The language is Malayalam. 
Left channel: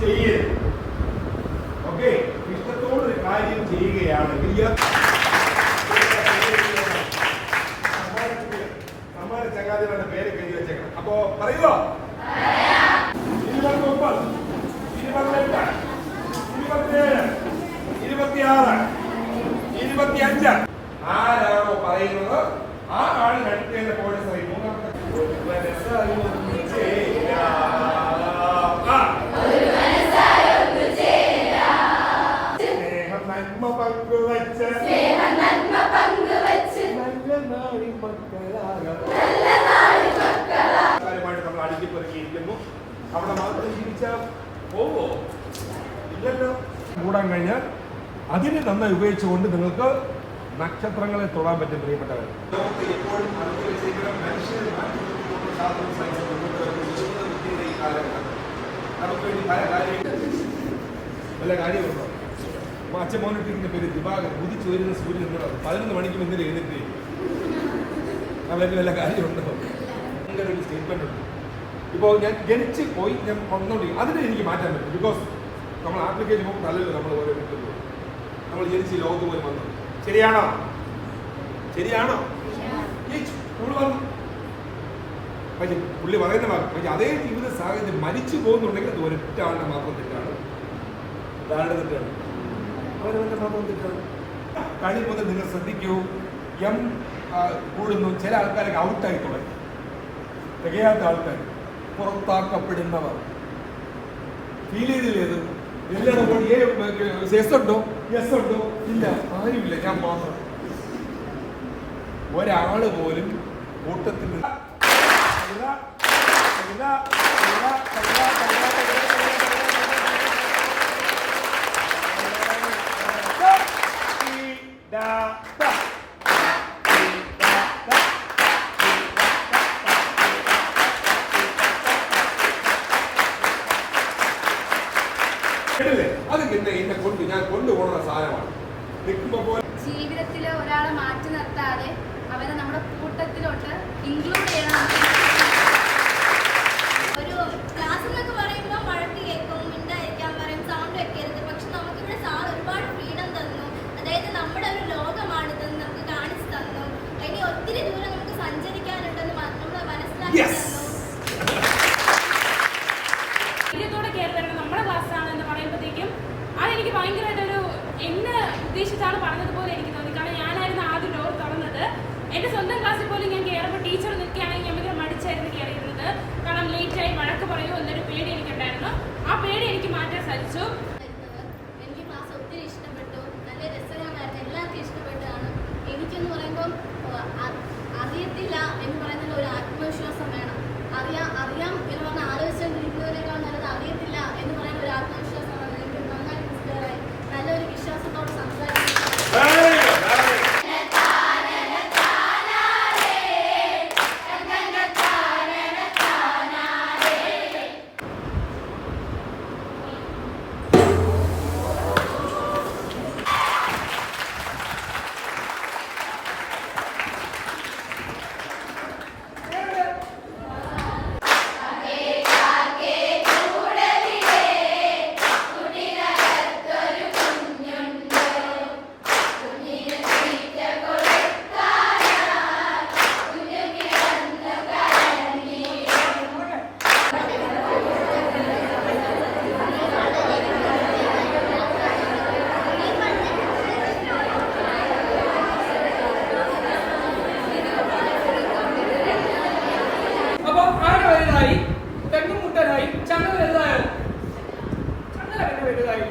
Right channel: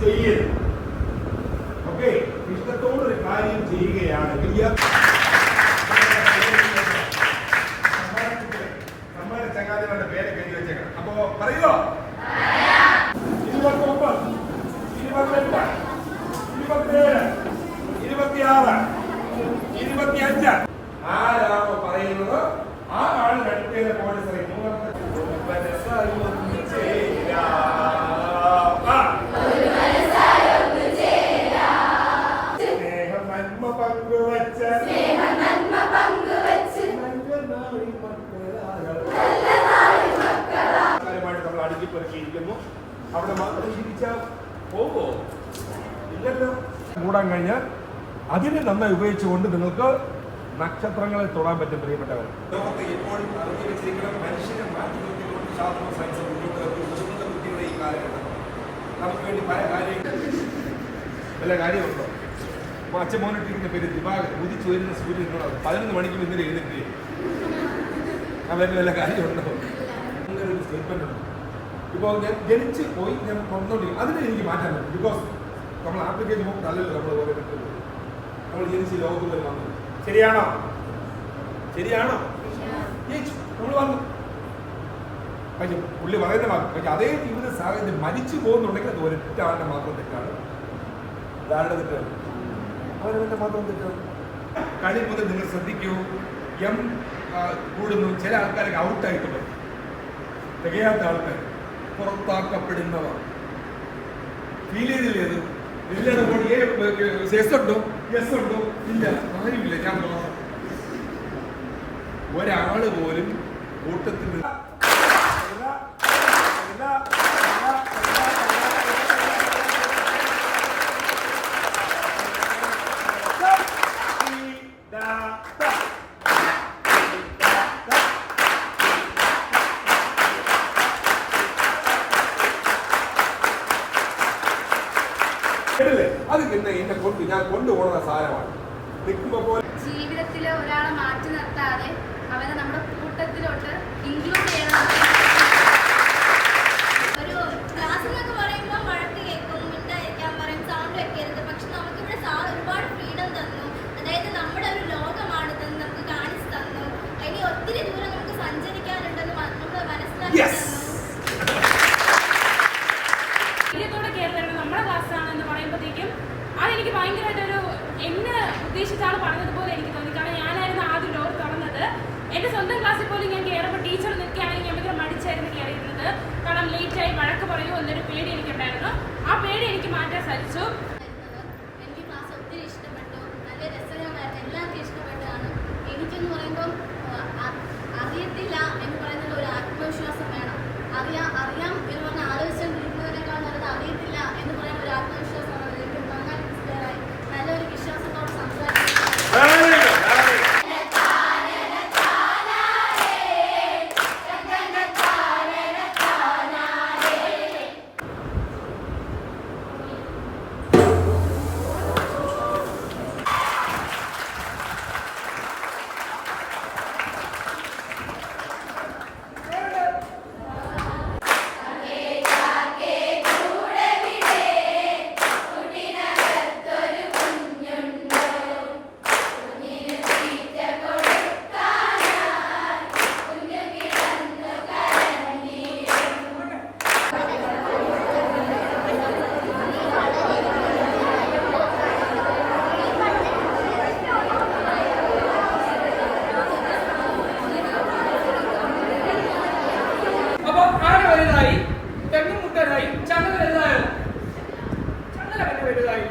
ചെയ്യരുത്. ഓക്കെ, ഇഷ്ടത്തോടൊരു കാര്യം ചെയ്യുകയാണെങ്കിൽ നമ്മുടെ ചങ്ങാതികളുടെ പേരൊക്കെ എഴുതി വെച്ചേക്കണം. അപ്പോ പറയുക 29, 28, 27, 26, 25. ആരാണോ പറയുന്നത് ആ ആൾ അടുത്തേക്ക് പോലീസ് അറിയും. മൂന്നാമത്തെ സ്നേഹം നന്മ പങ്കുവച്ച നമ്മൾ അടുക്കിപ്പെറുക്കിയിരിക്കുന്നു. അവിടെ മാത്രം ജീവിച്ചാൽ പോവോ? ഇല്ലല്ലോ. മൂടാൻ കഴിഞ്ഞാൽ അതിനെ നന്നായി ഉപയോഗിച്ചുകൊണ്ട് നിങ്ങൾക്ക് നക്ഷത്രങ്ങളെ തൊടാൻ പറ്റും. പ്രിയപ്പെട്ടവർ, ലോകത്തെ എപ്പോഴും അറിഞ്ഞു വെച്ചിരിക്കണം, മനുഷ്യനെ മാറ്റി നിർത്തിക്കൊണ്ട് ശാസ്ത്രവും സയൻസും ബുദ്ധിയുടെ ഈ കാലഘട്ടം നമുക്ക് വേണ്ടി പല കാര്യമുണ്ടോ? അച്ഛൻ മോനിട്ടിരിക്കുന്ന പേര് ദിവാകരൻ. ഉദിച്ചു വരുന്ന സൂര്യൻ 11 മണിക്ക് ഇന്നലെ എഴുന്നേറ്റ് അവരുടെ വല്ല കാര്യമുണ്ടോ? അങ്ങനെ ഒരു സ്റ്റേറ്റ്മെന്റ് ഉണ്ട്. ഇപ്പോൾ ഞാൻ ജനിച്ച് പോയി ഞാൻ വന്നുകൊണ്ടിരിക്കും, അതിനെ എനിക്ക് മാറ്റാൻ പറ്റും. ബിക്കോസ് നമ്മൾ ആപ്ലിക്കേഷൻ പോകുമ്പോൾ നല്ലല്ലോ നമ്മൾ ഓരോ കിട്ടുന്നത്. നമ്മൾ ജനിച്ച് ലോകത്ത് പോയി വന്നു. ശരിയാണോ? നമ്മൾ വന്നു. പക്ഷേ പുള്ളി പറയുന്ന ഭാഗം, പക്ഷെ അതേ ജീവിത സാഹചര്യം മരിച്ചു പോകുന്നുണ്ടെങ്കിൽ അത് ഒരൊറ്റ ആളുടെ മാത്രം തെറ്റാണ്. അതാളുടെ തെറ്റാണ്, അവരുടെ മാത്രം തെറ്റാണ്. കളി മുതൽ നിങ്ങൾ ശ്രദ്ധിക്കൂ, കൂടുന്നു. ചില ആൾക്കാരൊക്കെ ഔട്ടായി തുടങ്ങി. തികയാത്ത ആൾക്കാർ, പുറത്താക്കപ്പെടുന്നവർ. ഫീൽ ചെയ്തില്ലേത്? എല്ലാവരും കൂടി യെസ് ഉണ്ടോ ഇല്ല, ആരുമില്ല, ഞാൻ മാത്രം. ഒരാള് പോലും കൂട്ടത്തിൽ അത് ഞാൻ കൊണ്ടുപോകുന്ന സാധനമാണ്. ജീവിതത്തിൽ ഒരാളെ മാറ്റി നിർത്താതെ അവനെ നമ്മുടെ കൂട്ടത്തിലോട്ട് ഇൻക്ലൂഡ് ചെയ്യണം. ഒരു ക്ലാസ് എന്നൊക്കെ പറയുമ്പോൾ വഴക്ക് കേൾക്കും, മിണ്ടായിരിക്കാൻ പറയും, സൗണ്ട് വെക്കരുത്. പക്ഷെ നമുക്കിവിടെ സാർ ഒരുപാട് ഫ്രീഡം തന്നു. അതായത് നമ്മുടെ ഒരു ലോകമാണിതെന്ന് നമുക്ക് കാണിച്ചു തന്നു. ഇനി ഒത്തിരി ദൂരം നമുക്ക് സഞ്ചരിക്കാനുണ്ടെന്ന് നമ്മൾ മനസ്സിലാക്കി തന്നു. നമ്മുടെ ക്ലാസ്സാണ് എന്ന് പറയുമ്പോഴത്തേക്കും അതെനിക്ക് ഭയങ്കരമായിട്ടൊരു എന്നെ ഉദ്ദേശിച്ചാണ് പറഞ്ഞതുപോലെ എനിക്ക് തോന്നി. കാരണം ഞാനായിരുന്നു ആദ്യം ഡോർ തുറന്നത്. എൻ്റെ സ്വന്തം ക്ലാസ്സിൽ പോലും ഞാൻ കയറുമ്പോൾ ടീച്ചർ നിൽക്കുകയാണെങ്കിൽ ഞാൻ ഭയങ്കര മടിച്ചായിരുന്നു കയറിയിരുന്നത്. കാരണം ലേറ്റായി വഴക്ക് പറയുമോ എന്നൊരു പേടി എനിക്കുണ്ടായിരുന്നു. ആ പേടി എനിക്ക് മാറ്റാൻ സാധിച്ചു. എനിക്ക് ക്ലാസ് ഒത്തിരി ഇഷ്ടപ്പെട്ടു, നല്ല രസകരമായിരുന്നു, എല്ലാവർക്കും ഇഷ്ടപ്പെട്ടതാണ്. എനിക്കെന്ന് പറയുമ്പം അറിയത്തില്ല എന്ന് പറയുന്നത് ഒരു ആത്മവിശ്വാസം വേണം. അറിയാം എന്ന് പറഞ്ഞാൽ ആലോചിച്ചുകൊണ്ടിരിക്കുന്നതിനേക്കാൾ നല്ലത് അറിയത്തില്ല എന്ന് പറയുന്ന ഒരു ആത്മവിശ്വാസമാണ്. എനിക്ക് നന്നായിട്ട് ക്ലിയറായി, നല്ലൊരു വിശ്വാസത്തോടെ സംസാരിക്കുന്നു. തെങ്ങും മുട്ടനായി ചങ്ങല വലുതായോ? ചങ്ങല പിന്നെ വലുതായി.